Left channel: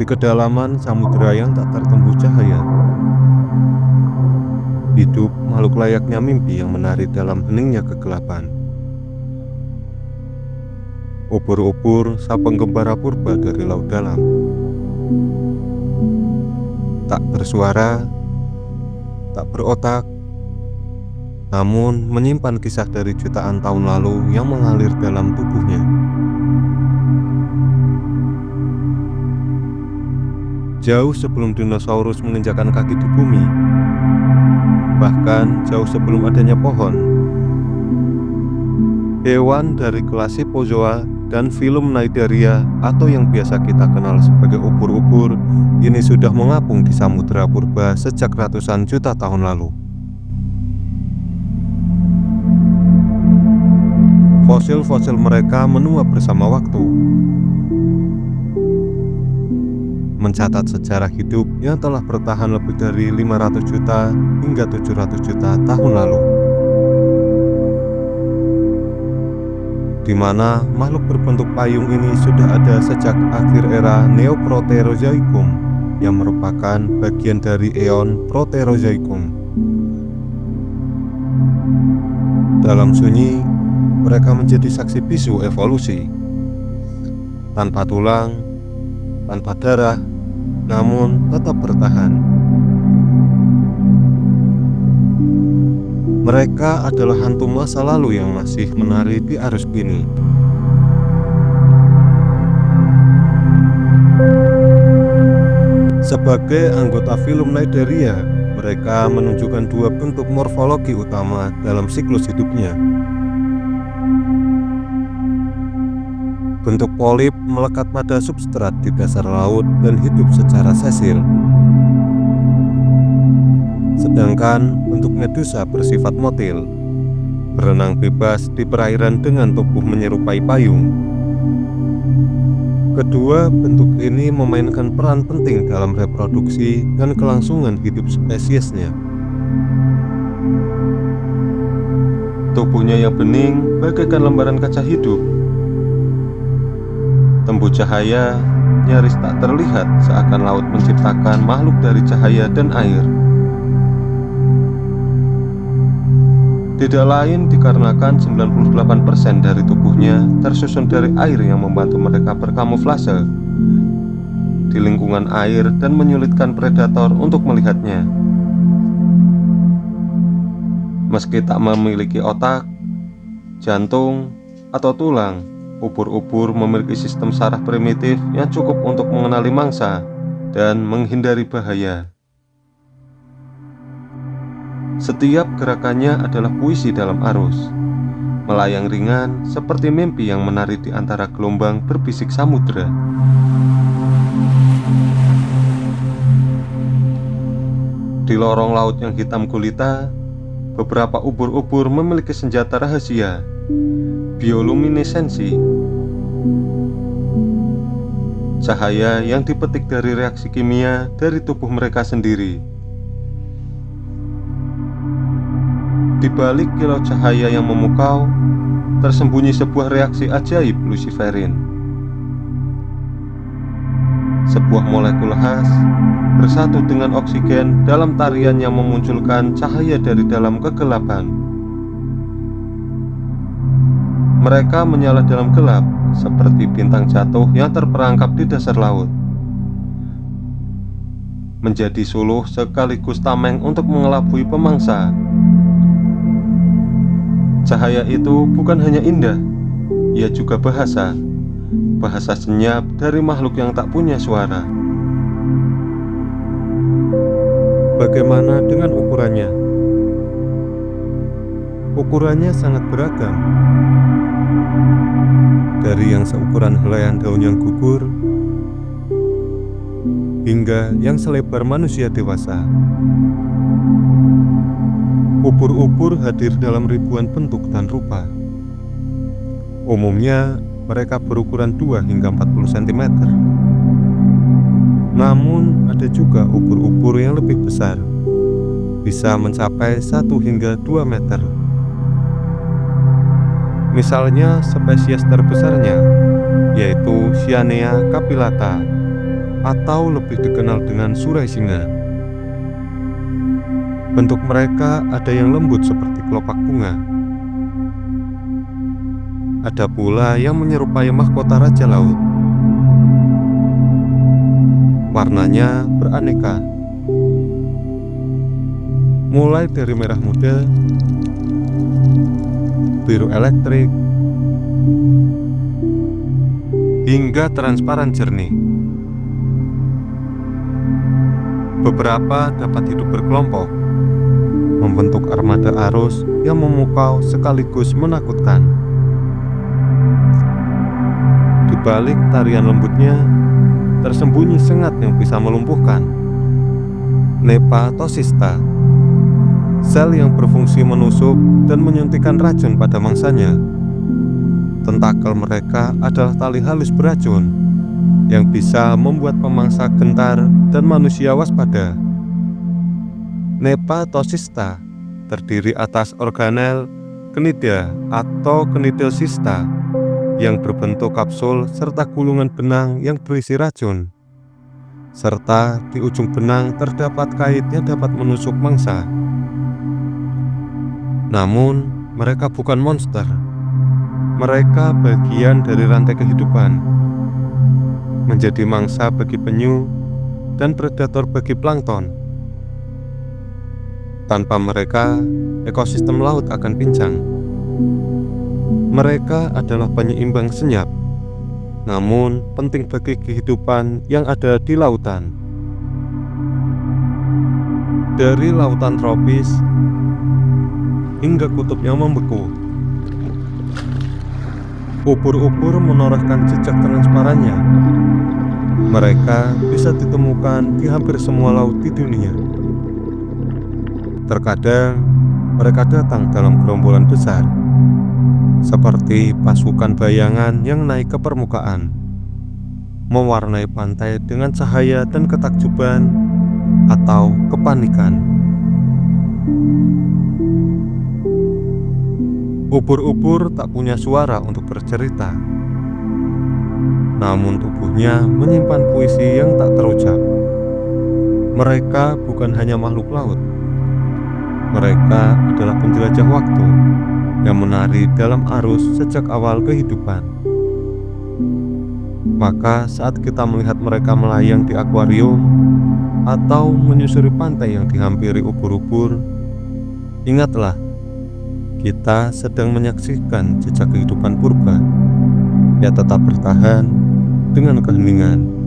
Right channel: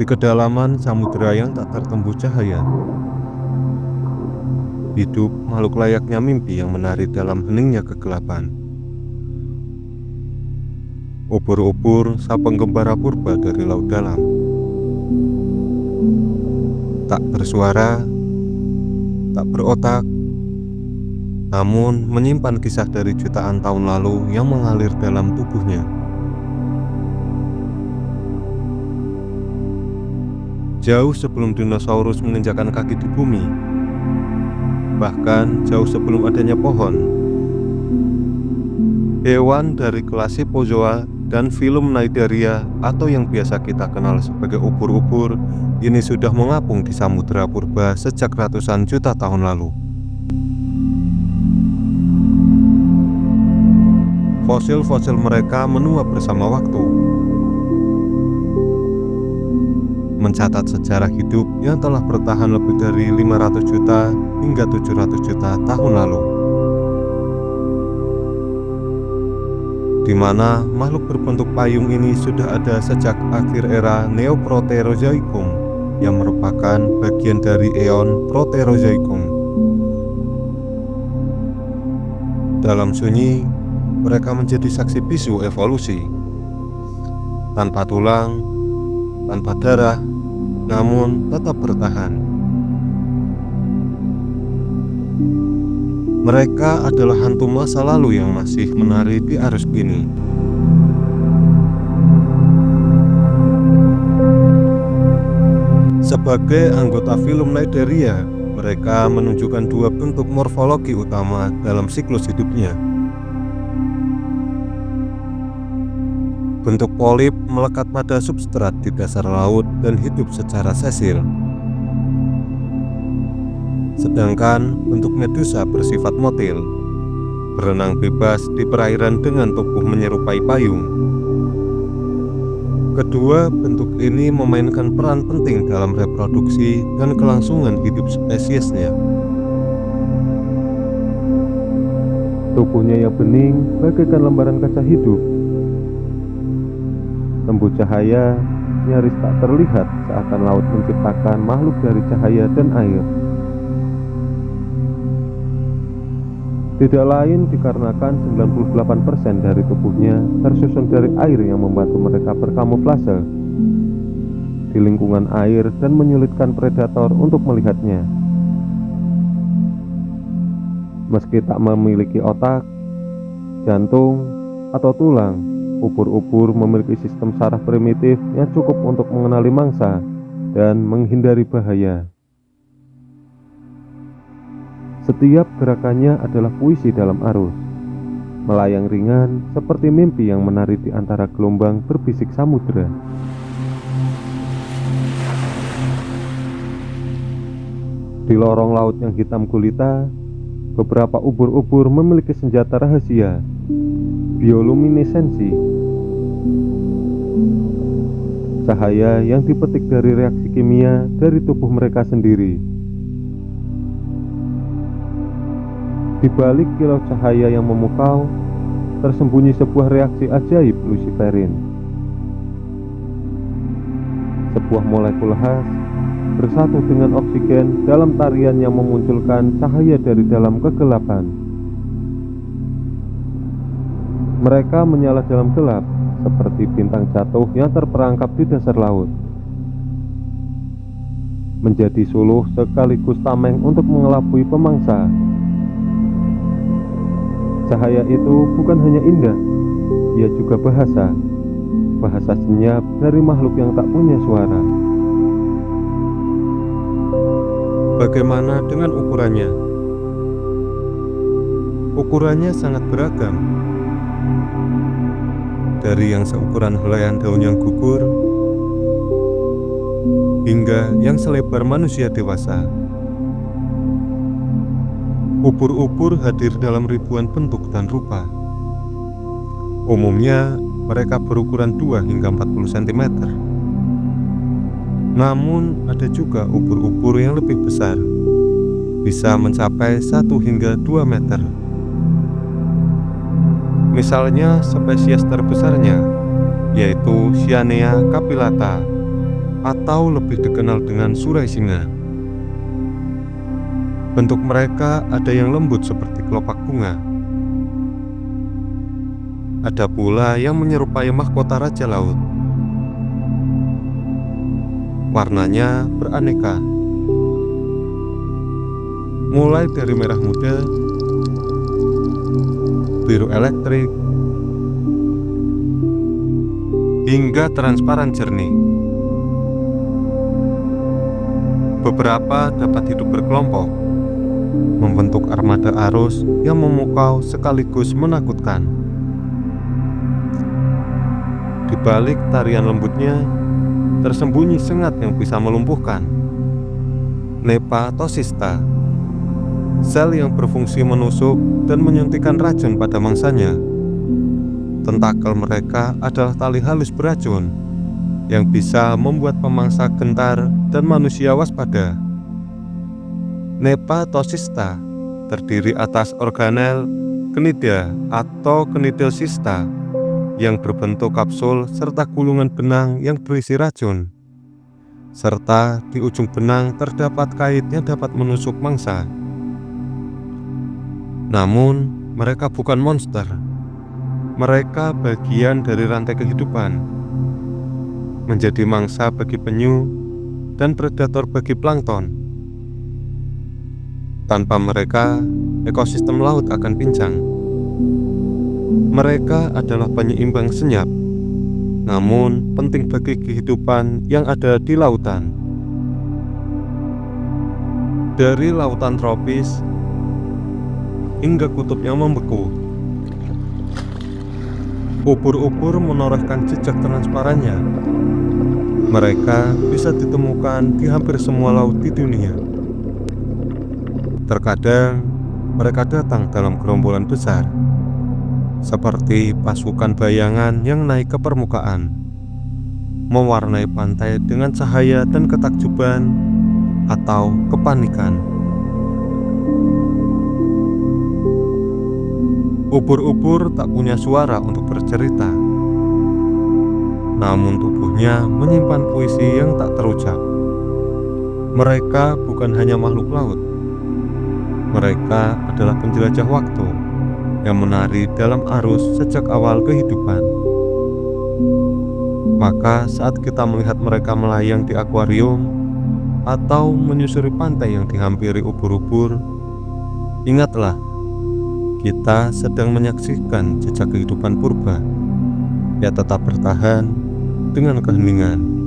Di kedalaman samudera yang tak tertembus cahaya, hidup makhluk layaknya mimpi yang menari dalam heningnya kegelapan. Ubur-ubur sang penggembara purba dari laut dalam, tak bersuara, tak berotak, namun menyimpan kisah dari jutaan tahun lalu yang mengalir dalam tubuhnya. Jauh sebelum dinosaurus menginjakkan kaki di bumi, bahkan jauh sebelum adanya pohon, hewan dari kelas Scyphozoa dan filum Cnidaria atau yang biasa kita kenal sebagai ubur-ubur ini sudah mengapung di samudera purba sejak ratusan juta tahun lalu. Fosil-fosil mereka menua bersama waktu, mencatat sejarah hidup yang telah bertahan lebih dari 500 juta hingga 700 juta tahun lalu, di mana makhluk berbentuk payung ini sudah ada sejak akhir era Neoproterozoikum yang merupakan bagian dari eon Proterozoikum. Dalam sunyi, mereka menjadi saksi bisu evolusi, tanpa tulang, tanpa darah, namun tetap bertahan. Mereka adalah hantu masa lalu yang masih menari di arus kini. Sebagai anggota filum Cnidaria, mereka menunjukkan dua bentuk morfologi utama dalam siklus hidupnya. Bentuk polip melekat pada substrat di dasar laut dan hidup secara sesil. Sedangkan bentuk medusa bersifat motil, berenang bebas di perairan dengan tubuh menyerupai payung. Kedua bentuk ini memainkan peran penting dalam reproduksi dan kelangsungan hidup spesiesnya. Tubuhnya yang bening bagaikan lembaran kaca hidup. Tembus cahaya nyaris tak terlihat, seakan laut menciptakan makhluk dari cahaya dan air. Tidak lain dikarenakan 98% dari tubuhnya tersusun dari air yang membantu mereka berkamuflase di lingkungan air dan menyulitkan predator untuk melihatnya. Meski tak memiliki otak, jantung, atau tulang, ubur-ubur memiliki sistem saraf primitif yang cukup untuk mengenali mangsa dan menghindari bahaya. Setiap gerakannya adalah puisi dalam arus, melayang ringan seperti mimpi yang menari di antara gelombang berbisik samudera. Di lorong laut yang hitam gulita, beberapa ubur-ubur memiliki senjata rahasia, bioluminesensi, cahaya yang dipetik dari reaksi kimia dari tubuh mereka sendiri. Di balik kilau cahaya yang memukau, tersembunyi sebuah reaksi ajaib luciferin. Sebuah molekul khas bersatu dengan oksigen dalam tarian yang memunculkan cahaya dari dalam kegelapan. Mereka menyala dalam gelap seperti bintang jatuh yang terperangkap di dasar laut, menjadi suluh sekaligus tameng untuk mengelabui pemangsa. Cahaya itu bukan hanya indah, ia juga bahasa senyap dari makhluk yang tak punya suara. Bagaimana dengan ukurannya? Ukurannya sangat beragam, dari yang seukuran helaian daun yang gugur hingga yang selebar manusia dewasa. Ubur-ubur hadir dalam ribuan bentuk dan rupa. Umumnya mereka berukuran 2 hingga 40 cm. Namun ada juga ubur-ubur yang lebih besar, bisa mencapai 1 hingga 2 meter. Misalnya spesies terbesarnya yaitu Cyanea capillata atau lebih dikenal dengan surai singa. Bentuk mereka ada yang lembut seperti kelopak bunga. Ada pula yang menyerupai mahkota raja laut. Warnanya beraneka, mulai dari merah muda, biru elektrik, hingga transparan jernih. Beberapa dapat hidup berkelompok, membentuk armada arus yang memukau sekaligus menakutkan. Di balik tarian lembutnya, tersembunyi sengat yang bisa melumpuhkan. Nepatocysta, sel yang berfungsi menusuk dan menyuntikkan racun pada mangsanya. Tentakel mereka adalah tali halus beracun yang bisa membuat pemangsa gentar dan manusia waspada. Nepatocysta terdiri atas organel, cnida atau cnidal cysta yang berbentuk kapsul serta gulungan benang yang berisi racun. Serta di ujung benang terdapat kait yang dapat menusuk mangsa. Namun, mereka bukan monster. Mereka bagian dari rantai kehidupan, menjadi mangsa bagi penyu dan predator bagi plankton. Tanpa mereka, ekosistem laut akan pincang. Mereka adalah penyeimbang senyap, namun penting bagi kehidupan yang ada di lautan. Dari lautan tropis hingga kutub yang membeku, ubur-ubur menorehkan jejak transparannya. Mereka bisa ditemukan di hampir semua laut di dunia. Terkadang mereka datang dalam gerombolan besar, seperti pasukan bayangan yang naik ke permukaan, mewarnai pantai dengan cahaya dan ketakjuban atau kepanikan. Ubur-ubur tak punya suara untuk bercerita, namun tubuhnya menyimpan puisi yang tak terucap. Mereka bukan hanya makhluk laut, mereka adalah penjelajah waktu yang menari dalam arus sejak awal kehidupan. Maka saat kita melihat mereka melayang di akuarium atau menyusuri pantai yang dihampiri ubur-ubur, ingatlah, kita sedang menyaksikan jejak kehidupan purba yang tetap bertahan dengan keheningan.